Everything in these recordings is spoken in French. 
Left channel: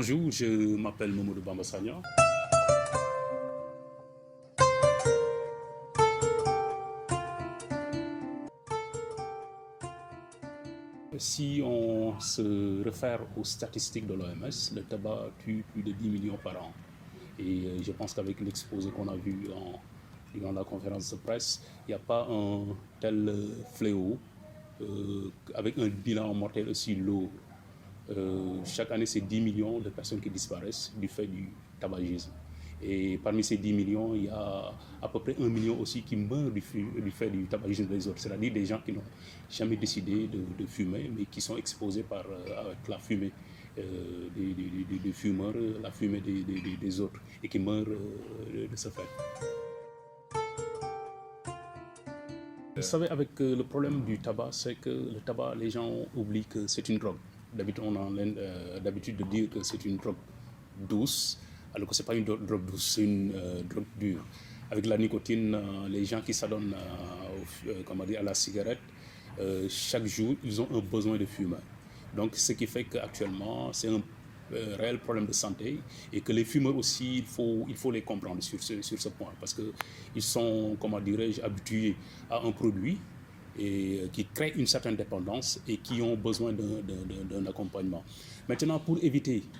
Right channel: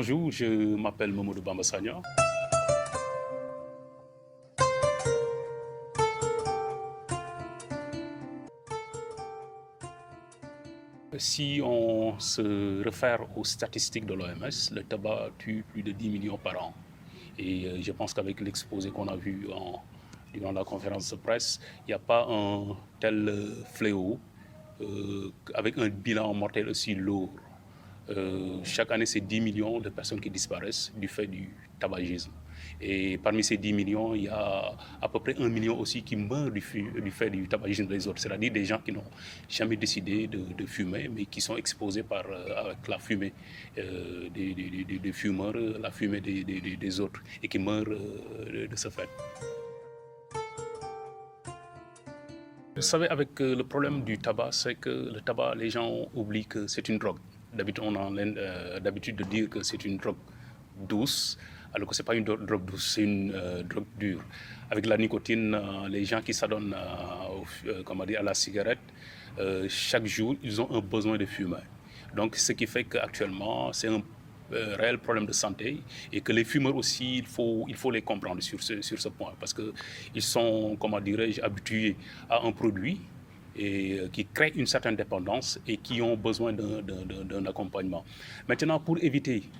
Bonjour, je m'appelle Mamadou Bamba Sagna. Si on se réfère aux statistiques de l'OMS, le tabac tue plus de 10 millions par an. Et je pense qu'avec l'exposé qu'on a vu durant la conférence de presse, il n'y a pas un tel fléau avec un bilan mortel aussi lourd. Chaque année, c'est 10 millions de personnes qui disparaissent du fait du tabagisme. Et parmi ces 10 millions, il y a à peu près 1 million aussi qui meurent du fait du tabagisme des autres, c'est-à-dire des gens qui n'ont jamais décidé de fumer, mais qui sont exposés avec la fumée des fumeurs, la fumée des autres, et qui meurent de ce fait. Vous savez, avec le problème du tabac, c'est que le tabac, les gens oublient que c'est une drogue. D'habitude, on a l'habitude de dire que c'est une drogue douce, alors que ce n'est pas une drogue douce, c'est une drogue dure. Avec la nicotine, les gens qui s'adonnent à la cigarette, chaque jour, ils ont un besoin de fumer. Donc, ce qui fait qu'actuellement, c'est un réel problème de santé et que les fumeurs aussi, il faut les comprendre sur ce point parce qu'ils sont, habitués à un produit et qui crée une certaine dépendance et qui ont besoin d'un accompagnement. Maintenant, pour éviter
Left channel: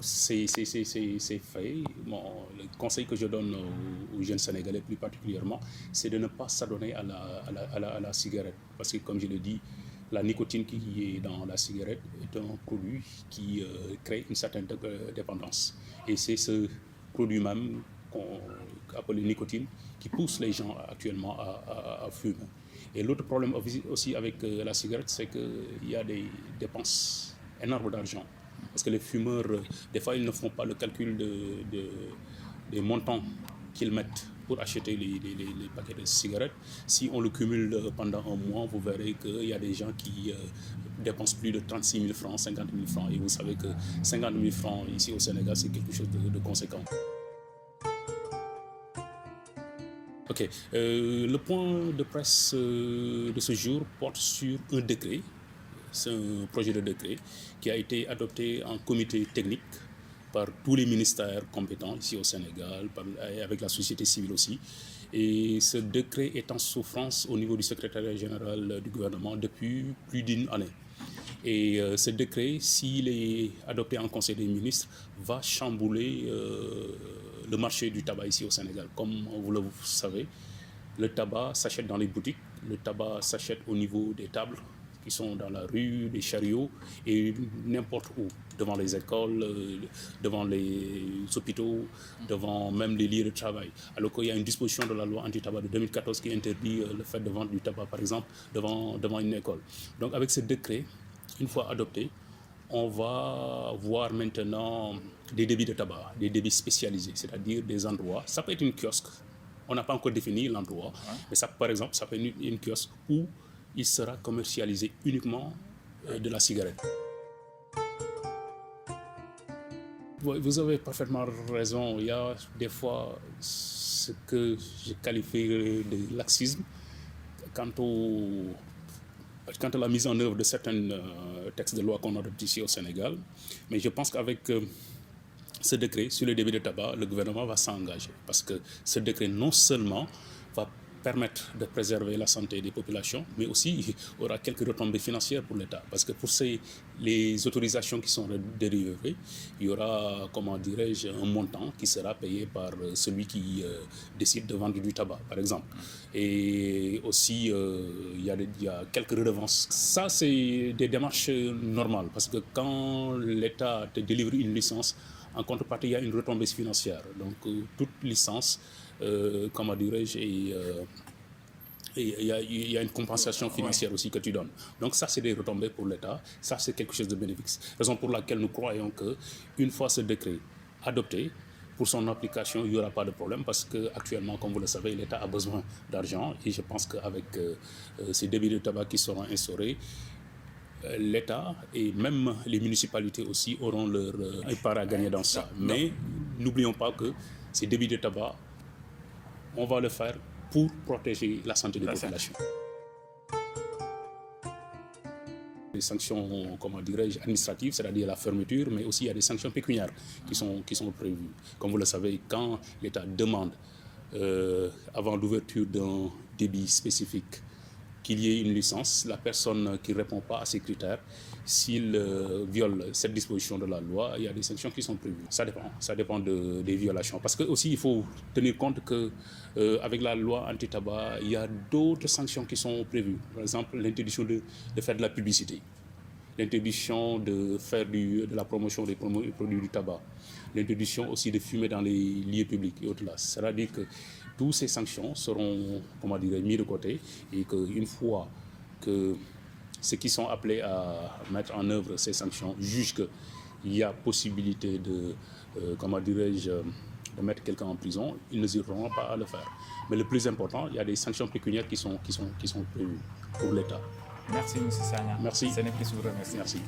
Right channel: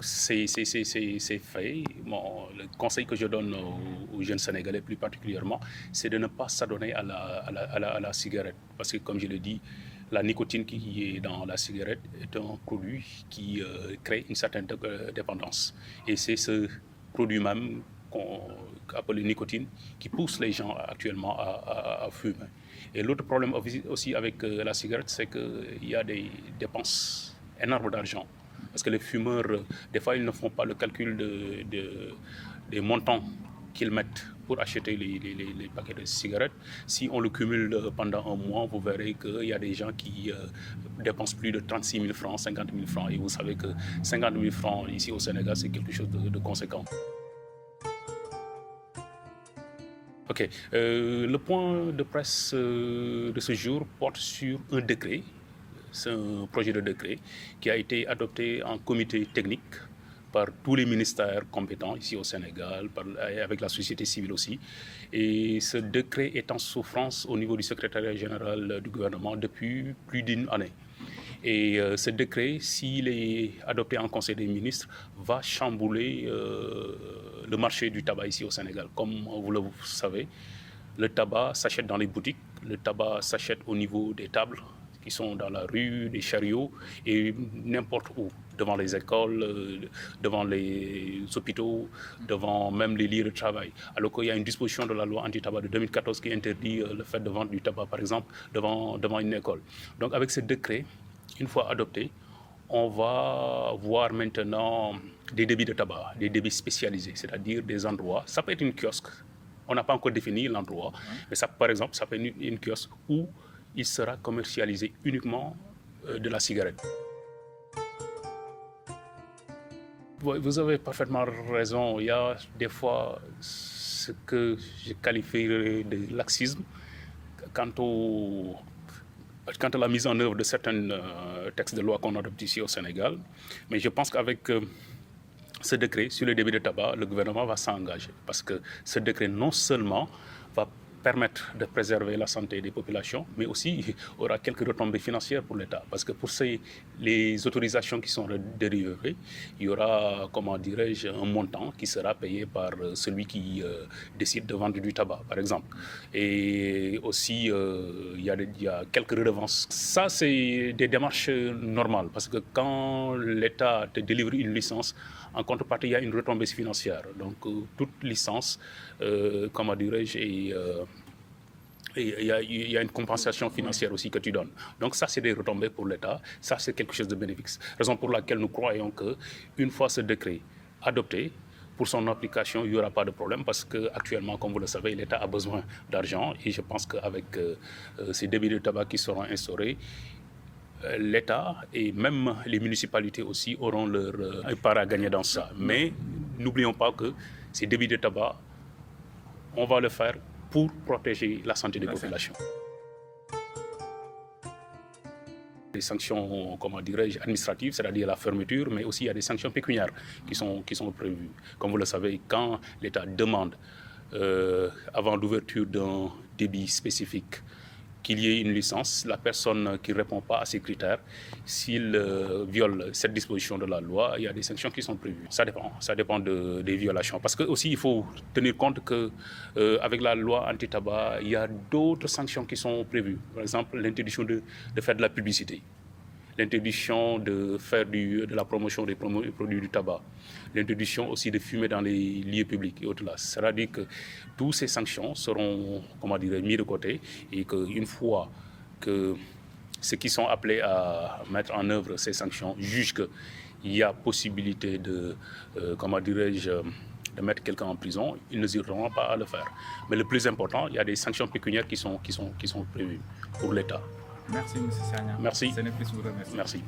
ces faits, le conseil que je donne aux jeunes Sénégalais plus particulièrement, c'est de ne pas s'adonner à la cigarette. Parce que, comme je l'ai dit, la nicotine qui est dans la cigarette est un produit qui crée une certaine dépendance. Et c'est ce produit même qu'on appelle nicotine qui pousse les gens actuellement à fumer. Et l'autre problème aussi avec la cigarette, c'est qu'il y a des dépenses énormes d'argent. Parce que les fumeurs, des fois, ils ne font pas le calcul des montants qu'ils mettent pour acheter les paquets de cigarettes. Si on le cumule pendant un mois, vous verrez qu'il y a des gens qui dépensent plus de 36 000 francs, 50 000 francs. Et vous savez que 50 000 francs ici au Sénégal, c'est quelque chose de conséquent. Ok. Le point de presse de ce jour porte sur un décret. C'est un projet de décret qui a été adopté en comité technique par tous les ministères compétents ici au Sénégal, avec la société civile aussi. Et ce décret est en souffrance au niveau du secrétariat général du gouvernement depuis plus d'une année. Et ce décret, s'il est adopté en Conseil des ministres, va chambouler le marché du tabac ici au Sénégal. Comme vous le savez, le tabac s'achète dans les boutiques, le tabac s'achète au niveau des tables qui sont dans la rue, des chariots et n'importe où, devant les écoles, devant les hôpitaux, devant même les lieux de travail. Alors qu'il y a une disposition de la loi anti-tabac de 2014 qui interdit le fait de vendre du tabac, par exemple, devant une école. Donc avec ce décret, une fois adopté, on va voir maintenant des débits de tabac, des débits spécialisés, c'est-à-dire des endroits. Ça peut être une kiosque, on n'a pas encore défini l'endroit, mais ça, par exemple, ça peut être une kiosque où il sera commercialisé uniquement de la cigarette. Vous avez parfaitement raison. Il y a des fois ce que je qualifierais de laxisme quant à la mise en œuvre de certains textes de loi qu'on adopte ici au Sénégal. Mais je pense qu'avec ce décret sur le débit de tabac, le gouvernement va s'engager. Parce que ce décret non seulement va permettre de préserver la santé des populations, mais aussi aura quelques retombées financières pour l'État. Parce que pour les autorisations qui sont dérivées, il y aura, un montant qui sera payé par celui qui décide de vendre du tabac, par exemple. Et aussi, il y a quelques redevances. Ça, c'est des démarches normales, parce que quand l'État te délivre une licence, en contrepartie, il y a une retombée financière. Donc, toute licence, il y a une compensation financière aussi que tu donnes. Donc ça, c'est des retombées pour l'État. Ça, c'est quelque chose de bénéfique. Raison pour laquelle nous croyons qu'une fois ce décret adopté, pour son application, il n'y aura pas de problème parce qu'actuellement, comme vous le savez, l'État a besoin d'argent. Et je pense qu'avec ces débits de tabac qui seront instaurés, l'État et même les municipalités aussi auront leur part à gagner dans ça. Mais n'oublions pas que ces débits de tabac, on va le faire pour protéger la santé des populations. des sanctions, comment dirais-je, administratives, c'est-à-dire la fermeture, mais aussi il y a des sanctions pécuniaires qui sont prévues. Comme vous le savez, quand l'État demande, avant l'ouverture d'un débit spécifique, qu'il y ait une licence, la personne qui ne répond pas à ces critères, s'il viole cette disposition de la loi, il y a des sanctions qui sont prévues. Ça dépend des violations. Parce que aussi, il faut tenir compte qu'avec la loi anti-tabac, il y a d'autres sanctions qui sont prévues. Par exemple, l'interdiction de faire de la publicité, l'interdiction de faire de la promotion des produits du tabac, l'interdiction aussi de fumer dans les lieux publics et au-delà. C'est-à-dire que toutes ces sanctions seront, mis de côté et qu'une fois que ceux qui sont appelés à mettre en œuvre ces sanctions jugent qu'il y a possibilité de mettre quelqu'un en prison, ils n'hésiteront pas à le faire. Mais le plus important, il y a des sanctions pécuniaires qui sont prévues pour l'État. Merci, M. Sagna. Merci. Ce n'est plus vous remercier. Merci.